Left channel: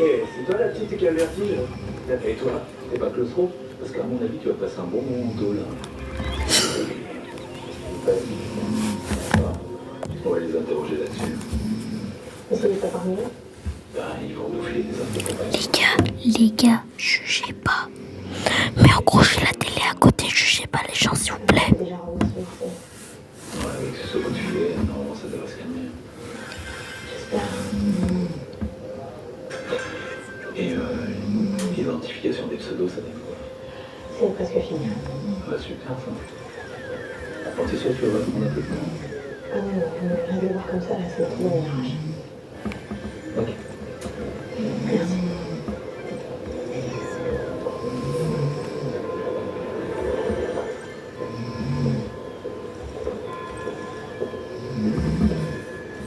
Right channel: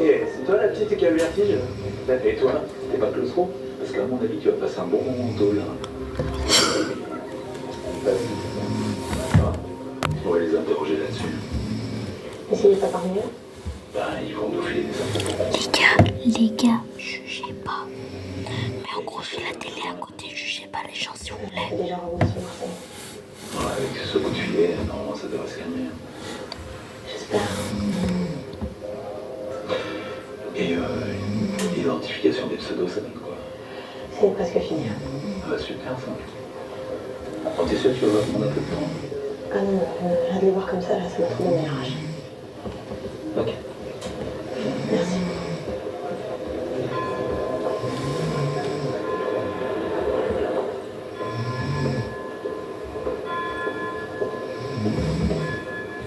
Et c'est toi la petite qui a le vertige? Et toi, t'es pas claustro? Parce qu'à mon avis, tu vas passer un bon moment au dos là. Vas-y. On va les interroger là-dessus. Et s'il n'est pas parmi eux? Ben, ils vont nous filer des infos. Les gars, jugez pas. Mais en gros, j'ai la télé à côté, jugez pas les gens, s'il vous plaît. Déjà remis sur Marseille. Ouais, avec ce coup de filet, normalement, ça devrait se calmer. J'espère. Et l'identification des pseudos, ça donne quoi? C'est presque fini. Ah bah super ça. Quand t'es sûr, tu vas voir mon appartement. Ah non, je vais le voir comme ça, là, ça va trop donner rage. Ok. Merci.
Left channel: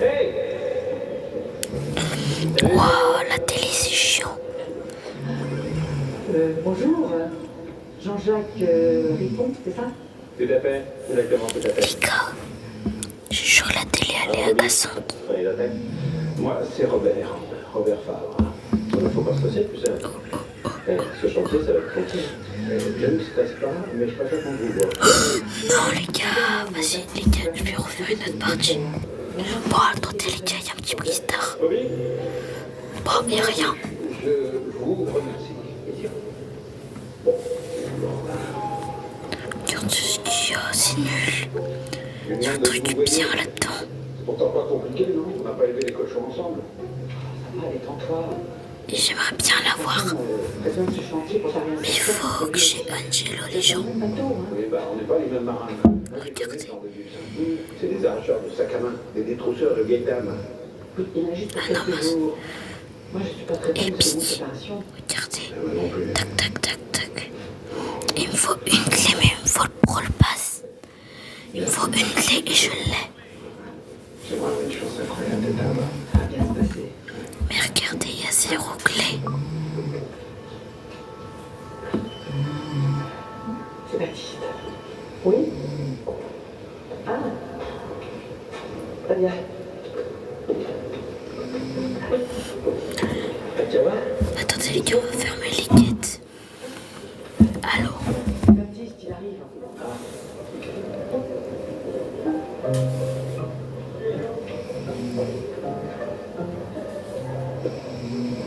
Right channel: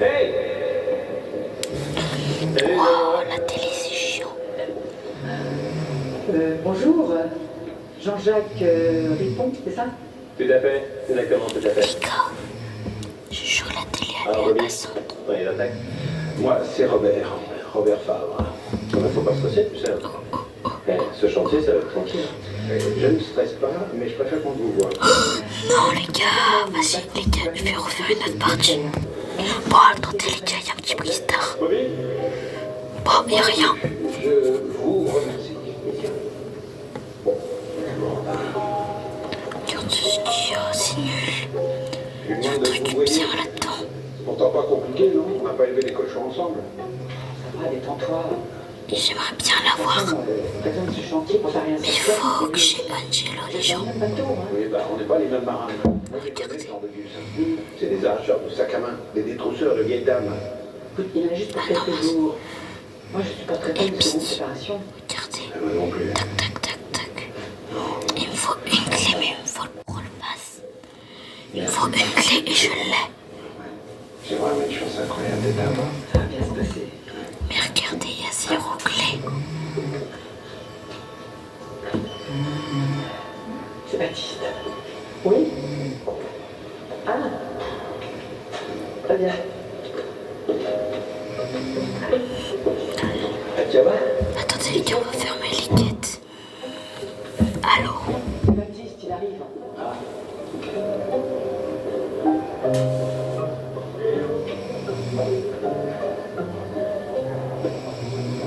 Hey! Wow, la télé, c'est chiant. Bonjour, Jean-Jacques Ripon, c'est ça? Tout à fait, exactement, tout à fait. Les gars, je jure, la télé, elle est agaçante. Prenez l'attaque. Moi, c'est Robert Favre. Il ne faut pas stresser, tu sais. Ce chantier, ça va être tranquille. Je ne stresse pas, mais je préfère qu'on vous voit. Non, les gars, vas-y, les gars, je vais refaire une autre partie. Bon, attendez, les gars, il y a un petit bristar. Bobby, Bon, mais rien. je vous remercie. Bon, Regarde ce qu'il y a, c'est nul. Il y a un de truc vous voyez. bien là-dedans. C'est pourtant pas compliqué, non? On n'a pas élevé des cochons ensemble. Ça va, détends-toi. Et j'aimerais bien l'avoir. Préviens de ce chantier pour faire rien. Mais faut que j'ai Angelo, les gens. Un bateau, hein. Oui, bah, on n'est pas les mêmes marins. Regardez. C'est des arracheurs de sacs à main, des détrousseurs de vieilles dames. Écoute, il a juste pour Ah non, quelques mais- jours. Moi, je suis pas très Et fan de seconde puis- séparation. Regardez. Moi non plus. Tac, tac, tac, tac. Il me faut une clé, mais il me faut le rôle passe. Il me faut une clé et je l'ai. C'est vraiment une chance incroyable d'être là-bas. Ça va bien se passer. Mais regardez, il y a 0 clé. C'est Baptiste. Oui? Ah. Très bien. Ça va? Attendez, les gars, on va fermer les quêtes. Allô? Baptiste, il arrive.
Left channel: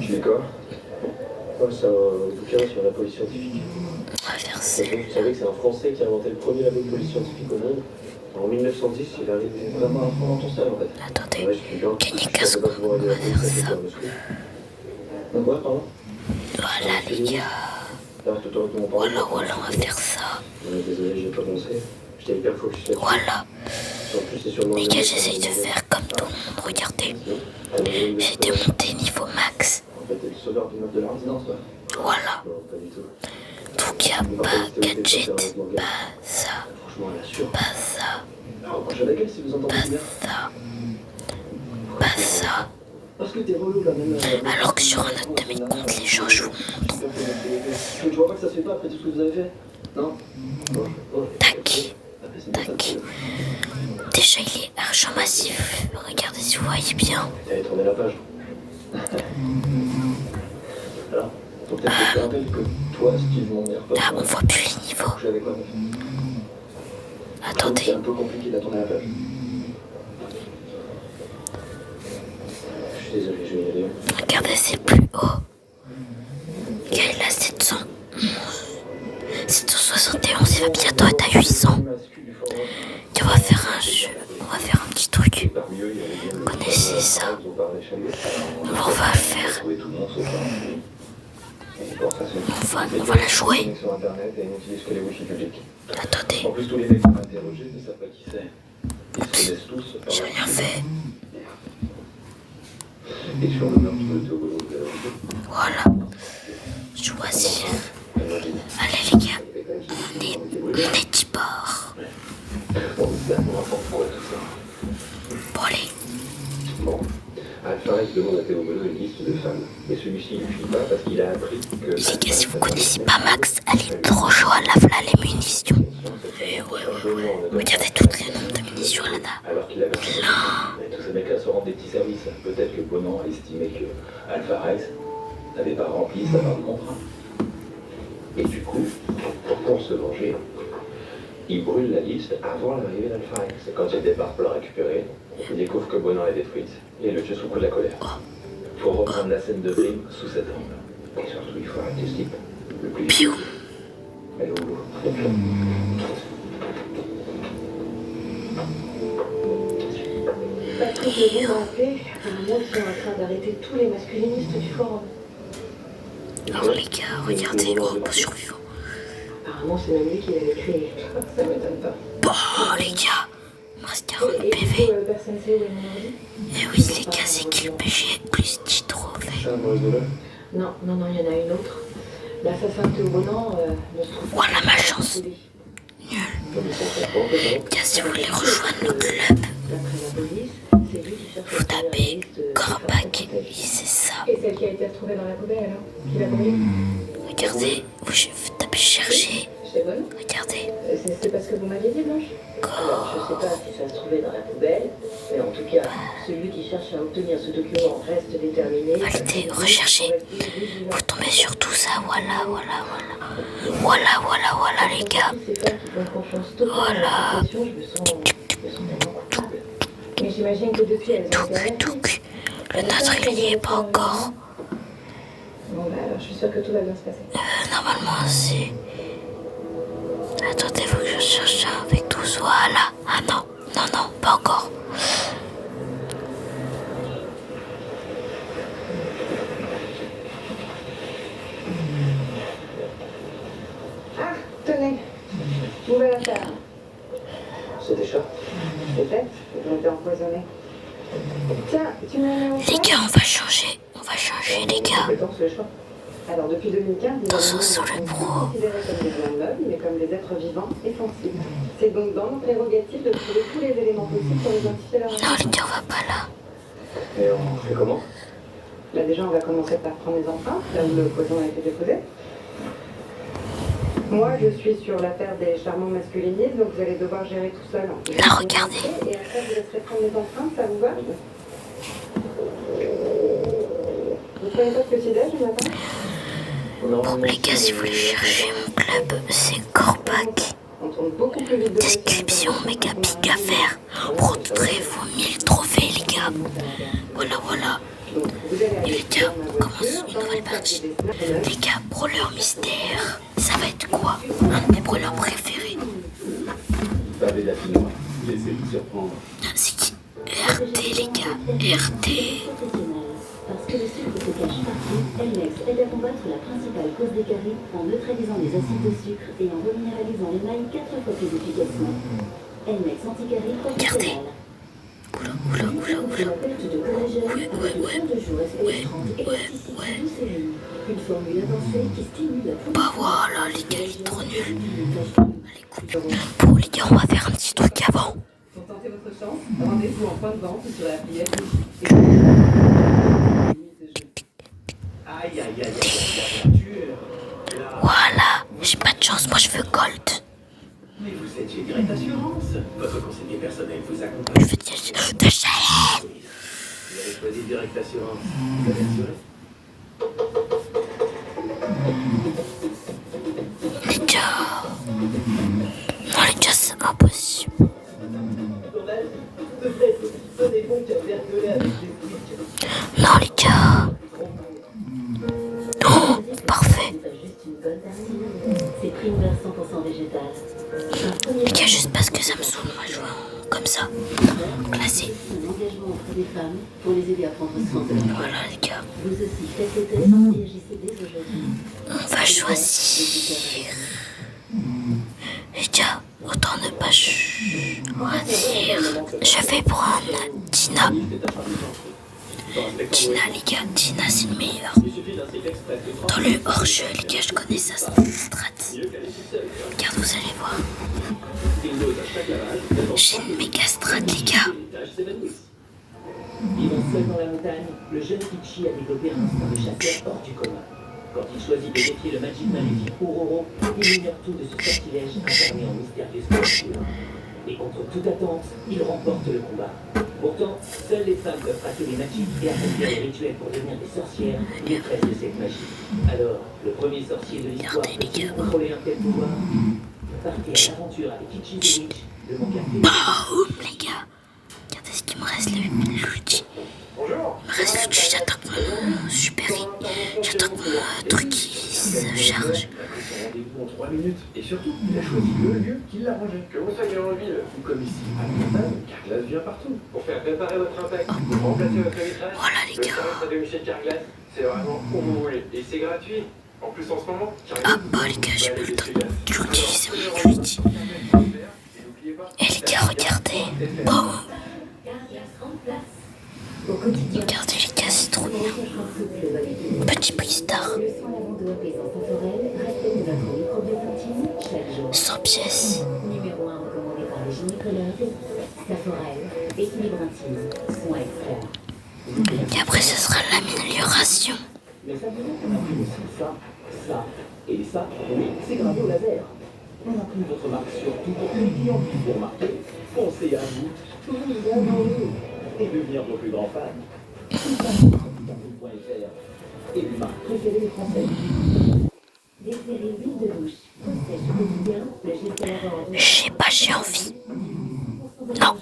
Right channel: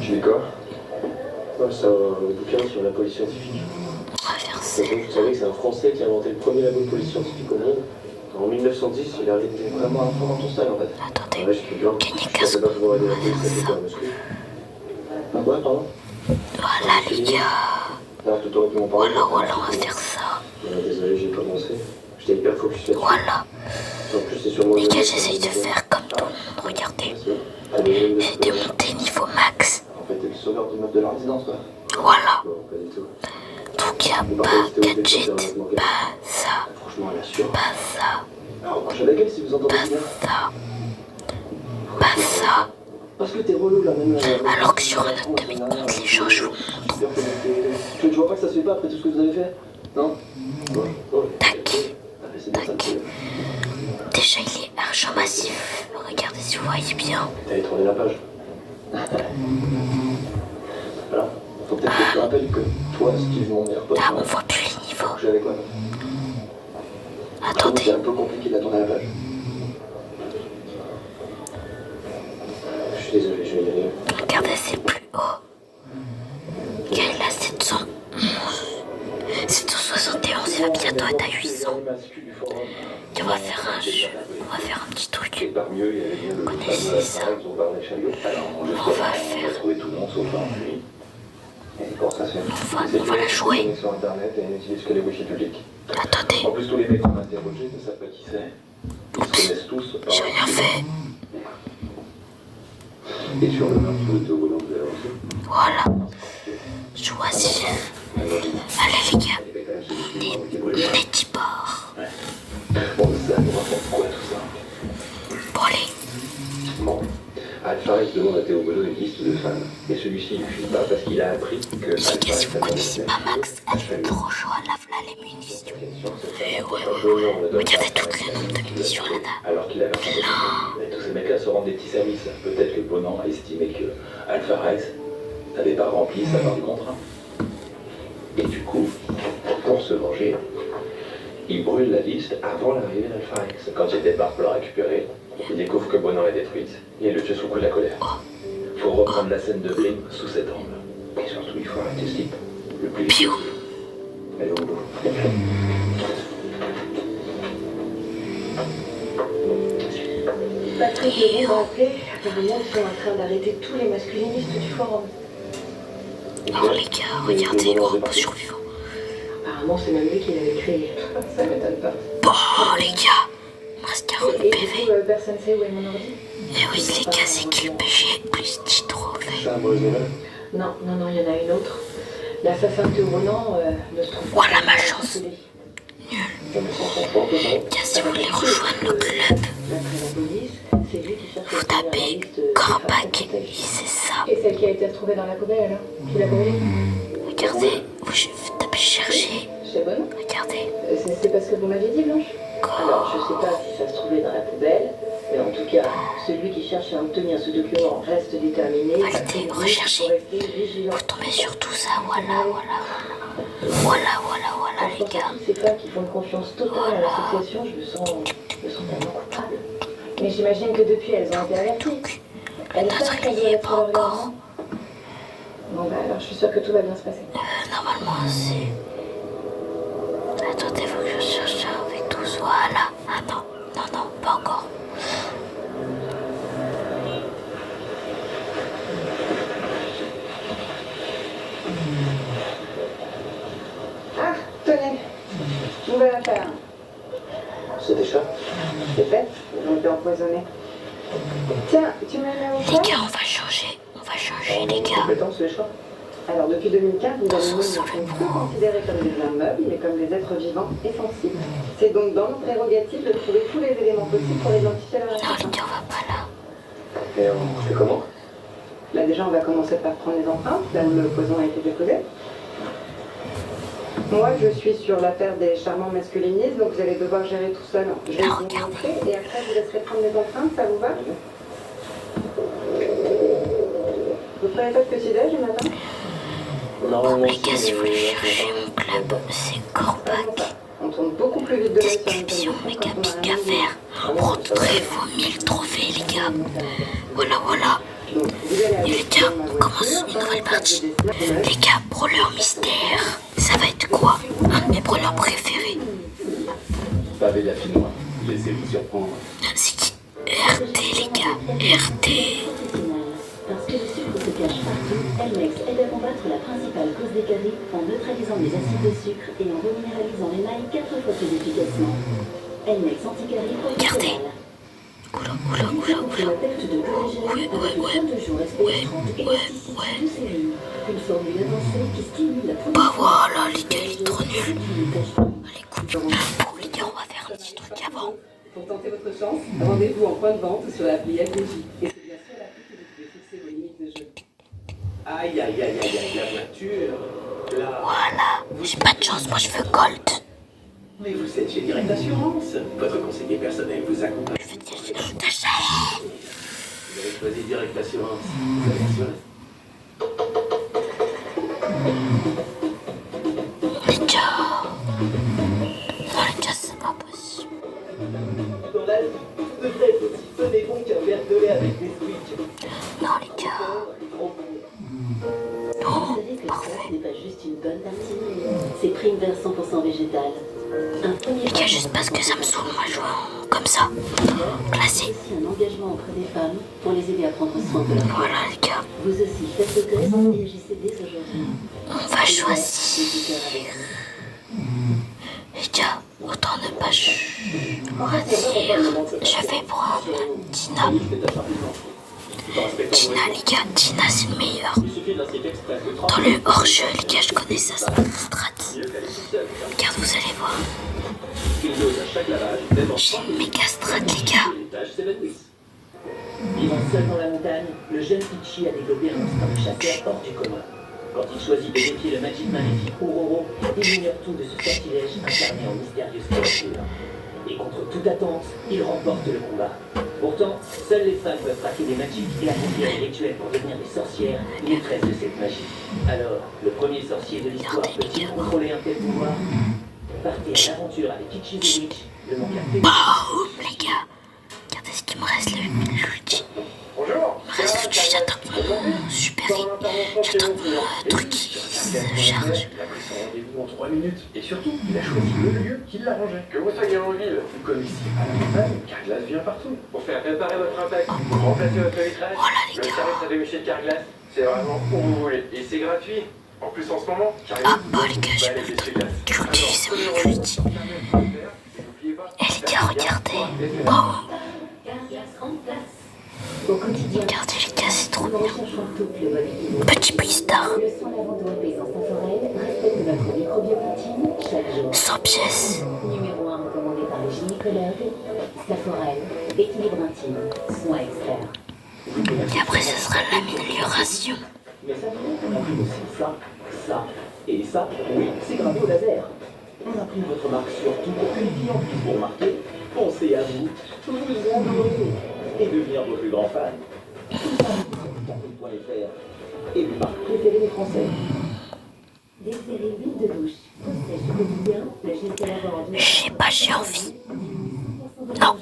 Tu lis quoi? Ouais, c'est un bouquin sur la police scientifique. On va faire Et ça. donc, vous savez que c'est un Français qui a inventé le premier labo de police scientifique au monde. En 1910, il arrive vraiment à fond dans ton style en fait. Attendez. Ouais, je te jure. Gagner Je pensais 15 pas pouvoir aider la police à ça. faire un muscle. Quoi, pardon? Voilà, les gars. Là, tout aurait pu m'en parler. Voilà, on va faire ça. Désolé, j'ai commencé. J'étais hyper focus là-dessus. Voilà. En plus, c'est sur le Les mauvais gars, niveau, j'essaie de ça m'a faire comme tout le monde. Regardez. demandé. J'ai démonté niveau max. En fait, t'es le sauveur du meuble de la résidence, quoi. Voilà. Non, pas du tout. Donc, il n'y a pas gadget, pas ça, Franchement, elle assure. pas ça, Alors, moi, je la gueule si vous entendez pas bien. ça, pas ça. Parce que t'es relou là, même. Alors que sur un autre de mes comptes, les gens, je vous montre. Tu vois pas que ça se fait pas après tout ce que vous avez fait? Non? Tac, Ah, mais c'est bien ça. tac. Déjà, il est argent massif. Regardez si vous voyez bien. T'avais tourné la page. Voilà. Faut peut-être que je te rappelle que toi, Steve, mon meilleur pote, Là, on voit plus les niveaux. j'avais quoi? C'est Attendez. un peu compliqué de tourner la page. Je suis désolé, je vais y aller. Regardez, c'est plus haut. Il est là, 711. 771, il va bientôt être à 800. Et on va faire un jeu. On va faire un petit truc. Vous connaissez ça? On va faire. On va la jouer. Attendez. En plus, tous les mecs qu'on a interrogés ne savent pas qui c'est. Ils se connaissent tous par... J'ai rien fait. Et sur le meurtre de Hollandais. Voilà. Choisir. Allez, les gars. On est 10 bords. Bon, mais ça nous rapporte quoi tout ça? Bon, allez. Bon. Alpharès demande à Théo Bonneau une liste de femmes. Mais celui-ci ne lui file pas parce qu'il a appris que... Les gars, si vous connaissez pas Max, allez trop chaud à la voilà les munitions. Et ouais. Regardez tout le nombre de munitions là-dedans. Alors qu'il avait un peu. Et tous ces mecs-là se rendent des petits services. Peut-être que Bonan a estimé que Alpharès n'avait pas rempli sa part du contrat. Et du coup, pour se venger, il brûle la liste avant l'arrivée d'Alpha X. Quand Jet débarque pour la récupérer, il découvre que Bonan est détruite et le tue sous le coup de la colère. Faut reprendre la scène de Brim sous cet angle. Et surtout, il faut arrêter ce type le plus vite. Allez, au bout. Patrick Lebon m'a appelé. Apparemment, ils sont en train d'arrêter tous les masculinistes du forum. Alors les gars, regardez, groupe survivant. Apparemment, c'est même lui qui l'avait créé. Ça m'étonne pas. Bon les gars, il me reste 40 Et PV. du coup, personne sait où est mon ordi? Et oui les gars, c'est qui le PG plus 10 trophées. C'est un mauvais nouvelle. Non, il y en a une autre. L'assassin de Ronan ne se trouve pas. Voilà ma chance. Nul. Tiens, si vous voulez rejoindre le club, D'après la police, c'est lui qui cherche vous tapez Corbac et c'est ça. Et celle qui a été retrouvée dans la poubelle, alors? Qui l'a brûlée? Regardez, vous tapez chercher. C'est bonne? Regardez. C'est parce que vous m'aviez dit, Blanche? Alors, je sais pas si ça se trouvait dans la poubelle, mais en tout cas, celui qui cherche à obtenir ce document reste déterminé. Validez, recherchez. Vous tombez sur tout ça, voilà les gars. Ces femmes qui font confiance totale à l'association, je me sens tellement coupable. Mais j'imagine que depuis, elles ont été averties. Le nôtre il n'y est pas encore. Bon bah alors, je suis sûre que tout va bien se passer. Normalement c'est... Attendez, faut que je cherche ça avec tous, voilà. Ah non, pas encore. Ah, tenez, nouvelle affaire. C'est des chats. C'est fait, ils ont été empoisonnés. Tiens, tu me les mets au Les point? gars, on va changer les gars. Compétence, les chats. Alors, depuis 2015, les animaux ne Sur sont le plus considérés comme des biens meubles, mais comme des êtres vivants et sensibles. C'est donc dans nos prérogatives de trouver tous les éléments possibles pour identifier leur Non nature. les gars, on va pas là. Et on fait comment? Là, déjà, on va commencer par prendre les empreintes, là où le poison a été déposé. Moi, je suis sur l'affaire des charmants masculinistes, donc vous allez devoir gérer tout seul. Je vais Là, vous regardez. montrer, et après, vous laisserez prendre les empreintes, ça vous va? Vous prenez pas de petit-déj le matin? Non, Les gars, si vous voulez chercher mon club, c'est Corbac. On tourne beaucoup plus vite de Description, méga big affaire. Vous retrouverez vos 1000 trophées les gars. Voilà. Donc, vous allez aller Les gars, dans ma on commence voiture, une nouvelle dans partie. le service Les gars, brawler mystère. Ça va être quoi? Un de mes brawlers préférés. Pavé d'affinois, laissez-vous surprendre. C'est qui? RT les gars, RT. Parce que le sucre se cache partout, Elmex aide à combattre la principale cause des caries en neutralisant les acides de sucre et en reminéralisant l'émail 4 fois plus efficacement. Elmex anti-carie professionnel. Oula. La perte de collagène avec 32 jours SP30 et pesticides de série. Une formule avancée qui stimule la production. Bah voilà les gars, il est trop nul. Allez, coupe. Bon les gars, on va faire un petit truc avant. Pour tenter votre chance, rendez-vous en point de vente sur l'appli LPJ. Aïe, la voiture. Là. Voilà, j'ai pas de chance, moi je veux gold. Mais vous êtes chez Direct Assurance. Votre conseiller personnel vous accompagne. Je veux de chalet. Vous avez choisi Direct Assurance. Vous êtes assuré? Les gars. Non les gars, c'est impossible. Dans la vie, vous devrez être aussi sonné bon qu'un verre de lait avec les squeaks. Non les gars. Oh, parfait. Ce n'est pas juste une bonne partie. C'est prime vers 100% végétal. Les gars, juste parce que ça me saoule, moi je joue comme ça. Classé. Un engagement auprès des femmes pour les aider à prendre soin de leur corps. Voilà les gars. Vous aussi, faites le test et agissez dès aujourd'hui. On va choisir. Les gars, autant ne pas choisir. Je vais prendre Tina. Tina les gars, Tina c'est le meilleur. Dans le hors-jeu les gars, je connais ça, c'est une strat. Regarde, vous allez voir. J'ai une méga strat les gars. Vivant seul dans la montagne, le jeune Ichi a développé un instinct de chasseur hors du commun. Quand il choisit de défier le Magic Man et Uroro, il ignore tout de ce sortilège incarné en mystérieuse créature. Et contre toute attente, il remporte le combat. Pourtant, seules les femmes peuvent pratiquer des magiques et accomplir des rituels pour devenir des sorcières, maîtresses de cette magie. Alors, le premier sorcier de l'histoire peut-il contrôler un tel pouvoir? Partez à l'aventure avec Kichi the Witch, de mon quartier. Boum, les gars. Regardez ce qu'il me reste, l'ulti. Bonjour. Il me reste l'ulti, j'attends mon super j'attends mon truc qui se charge. Il a pris son rendez-vous en 3 minutes. Et surtout, il a choisi le lieu qui l'arrangeait. Que vous soyez en ville ou comme ici à la campagne, Carglass vient partout. Pour faire réparer votre impact, pour remplacer votre vitrage, Voilà, les le gars. service à domicile Carglass, c'est vraiment où vous voulez. Et c'est gratuit. En plus, en ce moment, Ah bah les gars, j'ai plus le temps d'utiliser mon ulti. Et les gars, regardez. Boum. Carglass en place. Au quotidien, Regardez les gars, c'est trop nous bien. recherchons tout le web. Petit Bristar. Le soin lavant de repaisance temporelle respecte votre microbiote intime chaque jour. 100 pièces. Numéro 1 recommandé par le gynécologue. Saforel, équilibre intime, soin expert. Et après, ce sera l'amélioration. Mais ça vous a pris aussi ça, ça et ça. Oui, c'est gravé au laser. On imprime votre marque sur tout une vie en plus pour marquer. Pensez à vous, vous adorer et devenir vos plus grands fans. Et une marque préférée des Français. Désirez l'huile de douche, possède au quotidien, le gel de lavant. Je sais pas, j'ai envie. Non.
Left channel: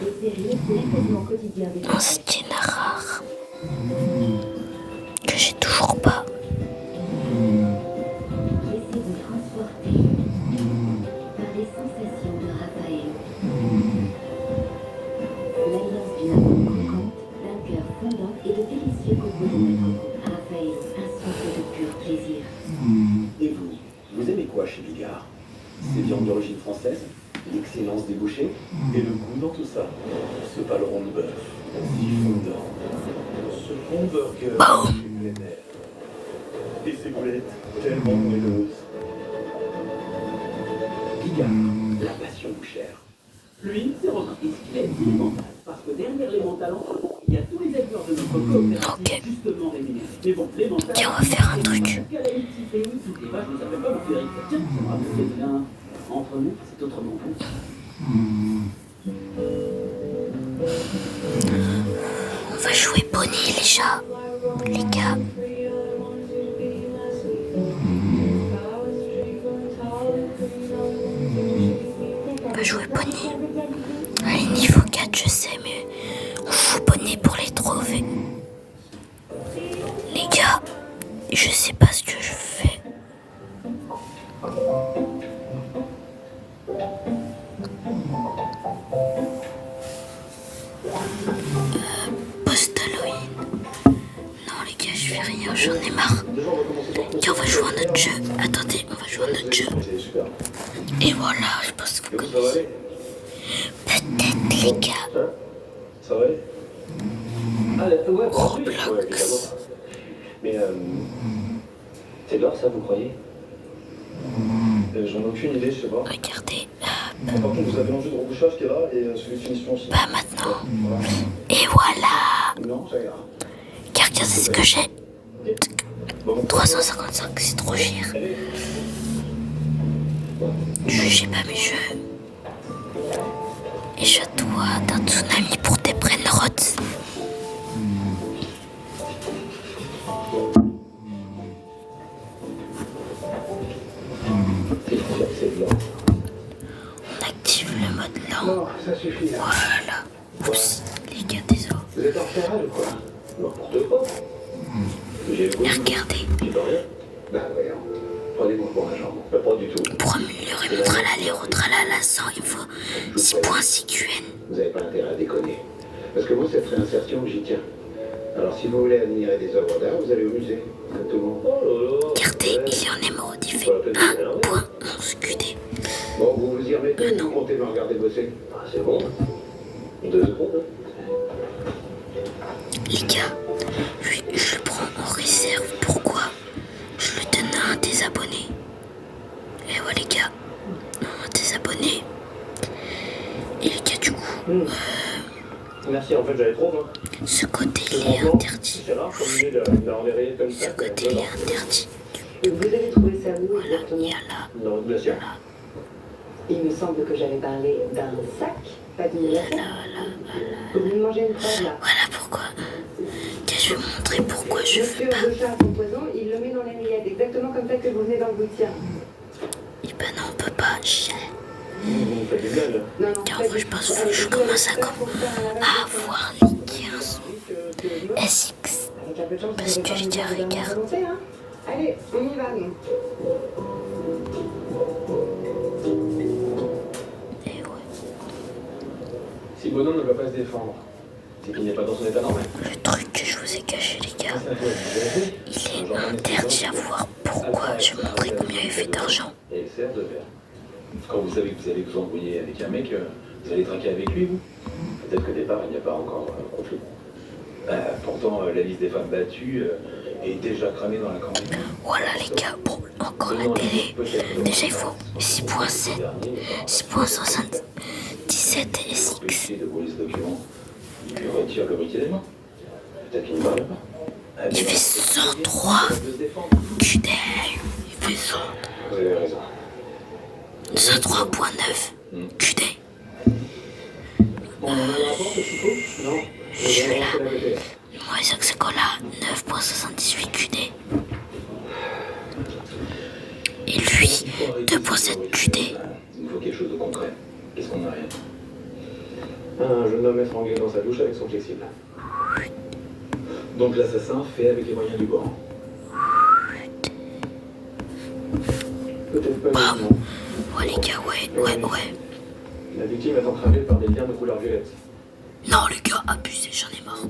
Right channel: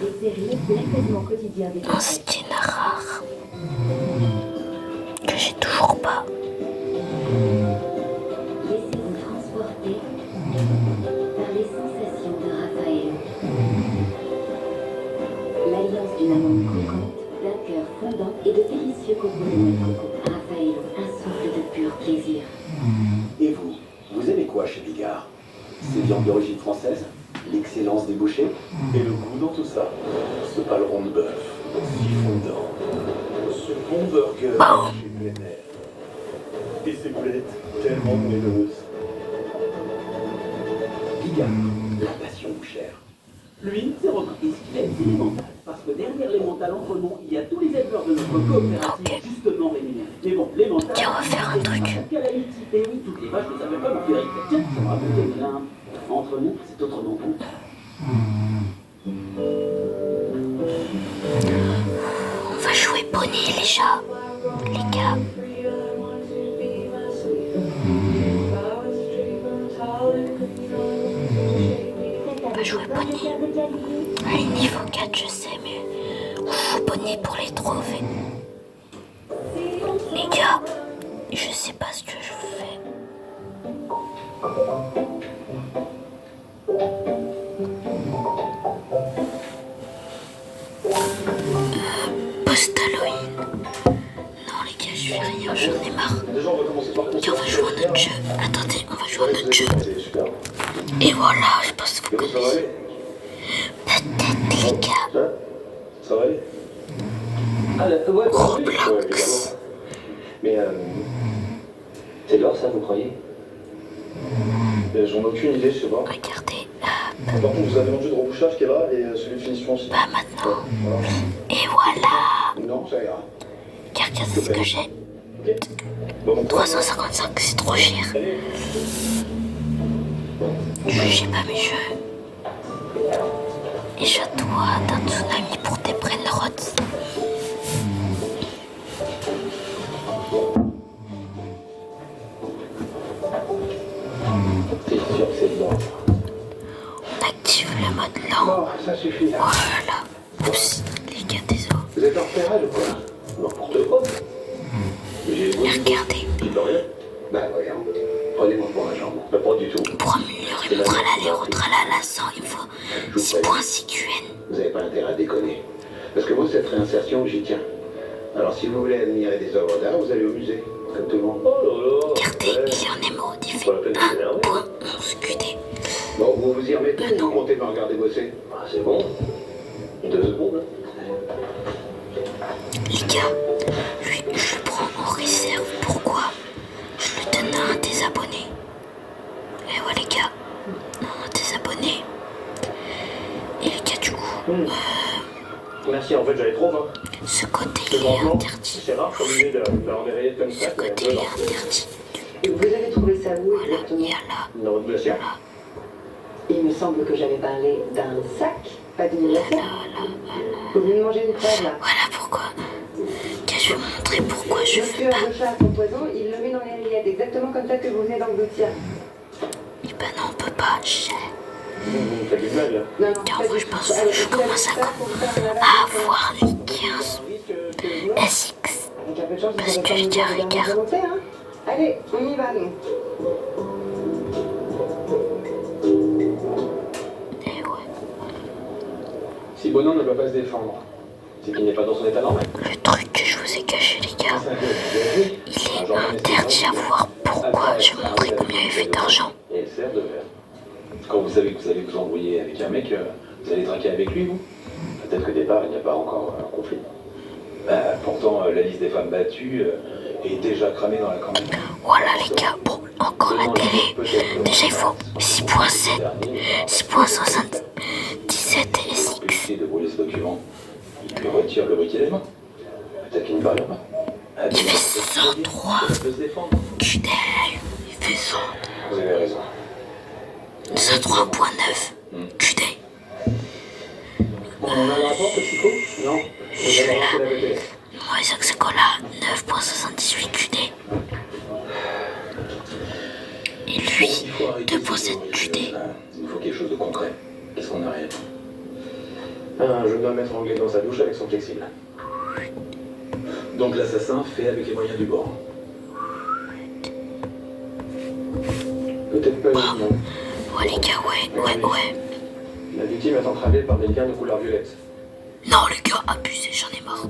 Désirez l'apaisement quotidien des Un skin rare. Que j'ai toujours pas. Laissez-vous transporter par les sensations de Raphaël. L'alliance d'une amour croquante, d'un cœur fondant et de délicieux cocons de coco. Raphaël, un souffle de pur plaisir. Et vous aimez quoi chez Bigard? Ces viandes d'origine française, l'excellence des bouchers et le goût dans tout ça. Ce paleron de bœuf, si fondant, ce bon burger chez Glenner. Et ces boulettes tellement moelleuses. Bigard, la passion bouchère. Lui, c'est votre fils qui est élémental. Parce que derrière les mentales entre nous, il y a tous les éleveurs de notre coopérative justement rémunérés. Mais bon, les mentales... Tiens, on va faire un truc. Et oui, toutes les vaches ne savaient pas vous faire. Tiens, ça me rappelle bien. Entre nous, c'est autrement bon. On va jouer Bonnie, les chats. Les gars. On va jouer Bonnie. Allez, niveau 4, je sais, mais on joue Bonnie pour les trouver. Les gars, je sais pas ce que je fais. Post-Halloween. Non les gars, je fais rien, j'en ai marre. Tiens, on va jouer à notre jeu. Attendez, on va jouer à notre jeu. Et voilà, je pense que vous connaissez. Peut-être les gars. Ça va aller? Roblox. Mais c'est l'or ça, vous croyez? J'en ai aucune idée, je sais pas. Regardez. Par contre, vous avez l'enjeu de rebouchage qui est là et celui de finition aussi. Bah maintenant. Et voilà. Non, ça ira. Car regardez ce que j'ai. 355, c'est trop cher. Jugez pas mes jeux. Et je dois d'un tsunami pour tes brainrots. C'est sûr que c'est blanc. On active le mode lent. Oh, ça suffit. Oh là là. Oups, les gars, désolé. Vous êtes en repérage ou quoi? N'importe quoi. Et regardez, J'ai de rien. Bah voyons. Prenez-moi pour un jambe. Bah pas du tout. pour améliorer mon tralala au tralala 100, il faut 6 points CQN. Vous n'avez pas intérêt à déconner. Parce que moi, cette réinsertion, j'y tiens. Alors, si vous voulez admirer des œuvres d'art, vous allez au musée, comme tout le monde. Regardez, il y en émeraude, il fait 1 point 11 QD. Bon, vous vous y remettez ou vous comptez me regarder bosser? Ah, c'est bon. 2 secondes. Les gars, lui, je le prends en réserve. Pourquoi? Je le donne à un des abonnés. Et ouais, les gars, un des abonnés. Et les gars, du coup, Merci, en fait j'avais trop, hein. ce côté il est interdit. C'est rare comme idée de remérer comme ça. Ce côté il est interdit. Vous avez trouvé ça où Voilà, il exactement? y a là. Non, bien sûr. Il me semble que j'avais parlé d'un sac, pas d'une assiette. Vous venez de manger une crève, là. Voilà pourquoi. Je vais vous montrer pourquoi je Le veux tueur pas. de chat à son poison, il le met dans les rillettes, exactement comme ça que vous venez d'engloutir. Eh ben non, on peut pas. Vous faites des blagues, là. Non, non, Car pas moi du je tout. pense Allez, que je vous avez commence ça pour faire un lavage à de avoir les 15 sang. SX. Avec un peu de chance, Parce vous que aurez les pas gars, une dernière regarde. volonté, hein. Allez, on y va, nous. Et ouais. Si Bonan ne va pas se défendre, c'est qu'il n'est pas dans son état normal. Le truc que je vous ai caché, les gars, il est interdit à voir pourquoi je montrais combien il fait d'argent. Et il sert de verre. Quand vous savez que vous allez vous embrouiller avec un mec, vous allez traquer avec lui, vous? Peut-être qu'au départ, il n'y a pas encore un conflit. Pourtant, la liste des femmes battues est déjà cramée dans la campagne. Voilà les gars, bon, encore la télé. Déjà il faut 6.7, 6.77 SX. Empêcher de voler ce document. Il lui retire le briquet des mains. Peut-être qu'il ne parle pas. Il fait 103 Ça peut se défendre. QD. Il fait 100. Vous avez raison. 103.9 QD. On a un rapport, ce Chico? Non. Je vais relancer la BTS. Moi Isaac Secola 9.78 QD. Et lui 2.7 QD. Il nous faut quelque chose de concret. Qu'est-ce qu'on a rien? Un jeune homme étranglé dans sa douche avec son flexible. Donc l'assassin fait avec les moyens du bord. Peut-être pas uniquement. Ouais les gars, ouais. La victime est entravée par des liens de couleur violette. Non les gars, abusé, j'en ai marre.